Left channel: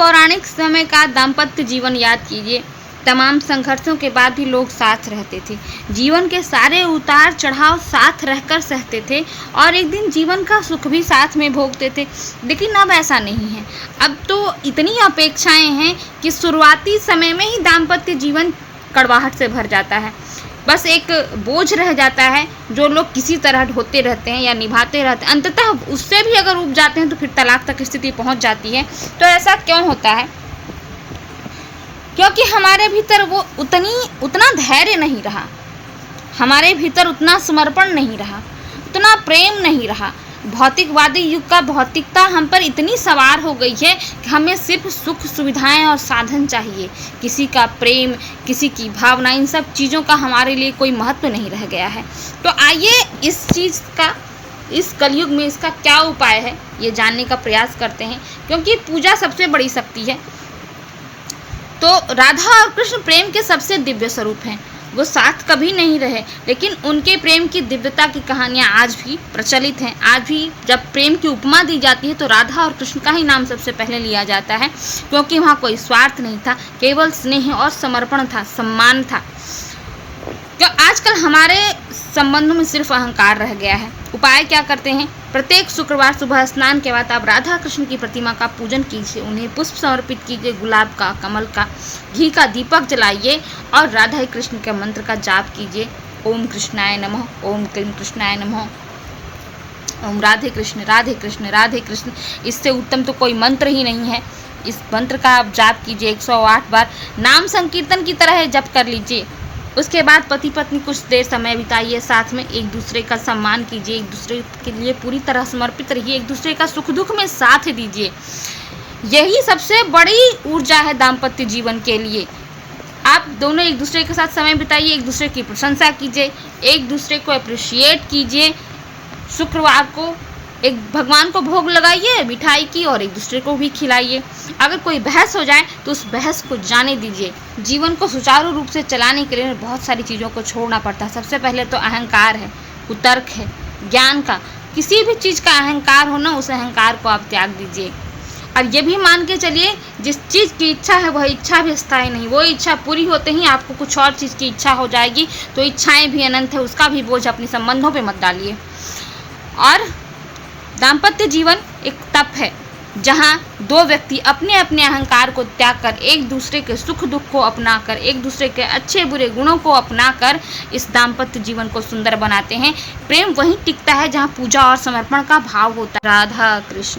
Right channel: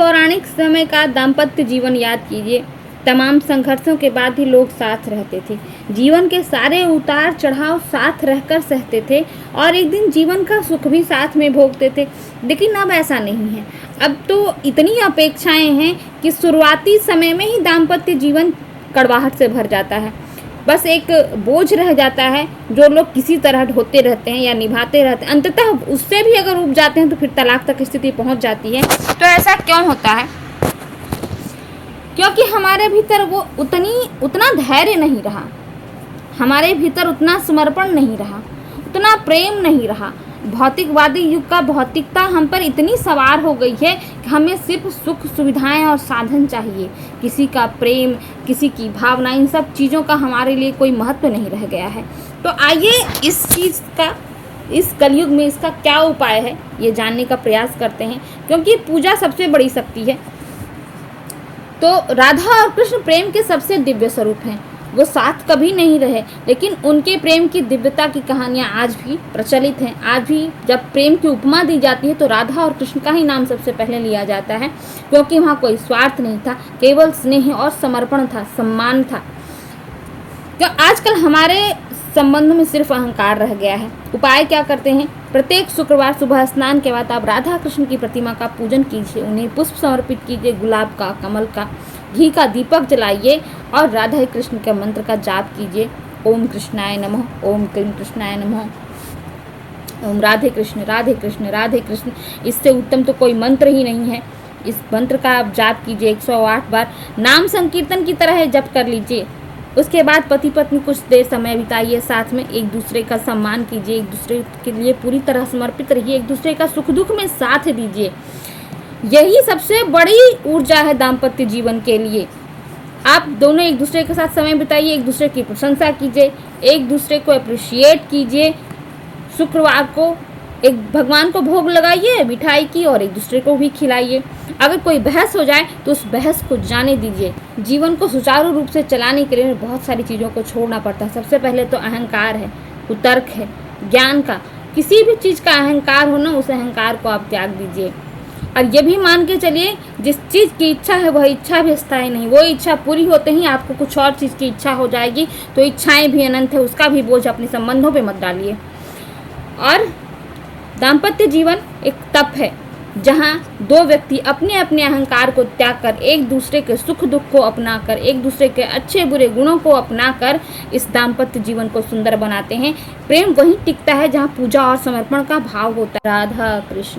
पौराणिक समय का दाम्पत्य जीवन याद कीजिए। तमाम संघर्षों के बाद भी लोग साथ रहते थे। जीवन के सारे उतार चढ़ाव साथ रहकर सहते थे और एक दिन जीवन का सुख भी साथ में भोगते थे। लेकिन अब ऐसा नहीं है। अब तो इतनी अपेक्षाएं हैं कि शुरुआती समय में ही दाम्पत्य जीवन कड़वाहट से भर जाता है। बस एक बोझ रह जाता है जो लोग किसी तरह ढोते रहते हैं या निभाते रहते हैं। अंततः उससे भी अगर ऊब जाते हैं तो फिर तलाक तक स्थिति पहुंच जाती है। तो ऐसा क्यों होता है? क्योंकि हमारे भीतर वो उतना धैर्य नहीं रहा, हमारे भीतर उतना समर्पण नहीं रहा, उतना प्रेम नहीं रहा। भौतिकवादी युग का भौतिकता हम पर इतनी सवार हो गई है कि हमें सिर्फ सुख सुविधाएं और साधन चाहिए। किसी का प्रेम, किसी की भावना, इन सब चीज़ों का हमारे लिए कोई महत्व नहीं रह गया है। तो आइए इस चीज़ का, इस कलयुग में इसका क्या उपाय है ये जानने का प्रयास करते हैं, क्योंकि पूजा सबसे बड़ी शक्ति है। तो राधा और कृष्ण प्रेम के सबसे दिव्य स्वरूप हैं। वो साथ कभी नहीं रहे, लेकिन उनके प्रेम की दिव्यता की कहानियाँ आज भी प्रचलित हैं। आज भी जब प्रेम की उपमा दी जाती है तो राधा और कृष्ण का ही नाम सबसे पहले लिया जाता है, क्योंकि वहाँ कोई स्वार्थ नहीं था, केवल स्नेह और समर्पण था, सम्मान था। तो आजकल हमारे संबंधों में सिर्फ अहंकार रह गया है। उपाय क्या करते हैं? प्रत्येक शुक्रवार सुबह स्नान के बाद आप राधा कृष्ण की प्रतिमा का पूजन कीजिए, उन्हें पुष्प समर्पित कीजिए, गुलाब का, कमल का, घी का दीपक जलाइए और राधा कृष्ण के मंत्र का जाप कीजिए। ओम कृष्णाय नमः, ओम क्लीं कृष्णाय नमः, ओम राधे कृष्ण राधे कृष्ण राधे कृष्ण। इससे उत्तम तो कोई मंत्र ही नहीं है। इस मंत्र का आप जाप कीजिए 108 बार, नाम संकीर्तन की तरह जप कर लीजिए। उसके बाद पति पत्नी कुछ देर समय बिताइए साथ में, एक दूसरे का सम्मान कीजिए, एक दूसरे के लिए पूरी तरह समर्पित रहिए, एक दूसरे का सुख दुख में साथ दीजिए। यही सबसे बड़ी ऊर्जा है दाम्पत्य जीवन के लिए। आप दोनों एक दूसरे के साथ समय बिताइए, एक दूसरे की प्रशंसा कीजिए, एक दूसरे को अप्रिशिएट कीजिए। शुक्रवार को एक भगवान को भोग लगाइए मिठाई की और एक दूसरे को भी खिलाइए। अगर कोई बहस हो जाए तो उस बहस को जाने दीजिए। जीवन को सुचारू रूप से चलाने के लिए बहुत सारी चीज़ों को छोड़ना पड़ता है। सबसे पहले तो अहंकार है, कुतर्क है, ज्ञान का, किसी भी चीज़ का अहंकार हो ना, उस अहंकार को आप त्याग दीजिए। और ये भी मान के चलिए, जिस चीज़ की इच्छा है वह इच्छा भी स्थायी नहीं। वो इच्छा पूरी होते ही आपको कुछ और चीज़ की इच्छा हो जाएगी। तो इच्छाएँ भी अनंत है, उसका भी बोझ अपने संबंधों पर मत डालिए। और दाम्पत्य जीवन एक तप है जहाँ दो व्यक्ति अपने अपने अहंकार को त्याग कर, एक दूसरे के सुख दुख को अपनाकर, एक दूसरे के अच्छे बुरे गुणों को अपनाकर इस दाम्पत्य जीवन को सुंदर बनाते हैं। प्रेम वहीं टिकता है जहाँ पूजा और समर्पण का भाव होता है। राधा कृष्ण।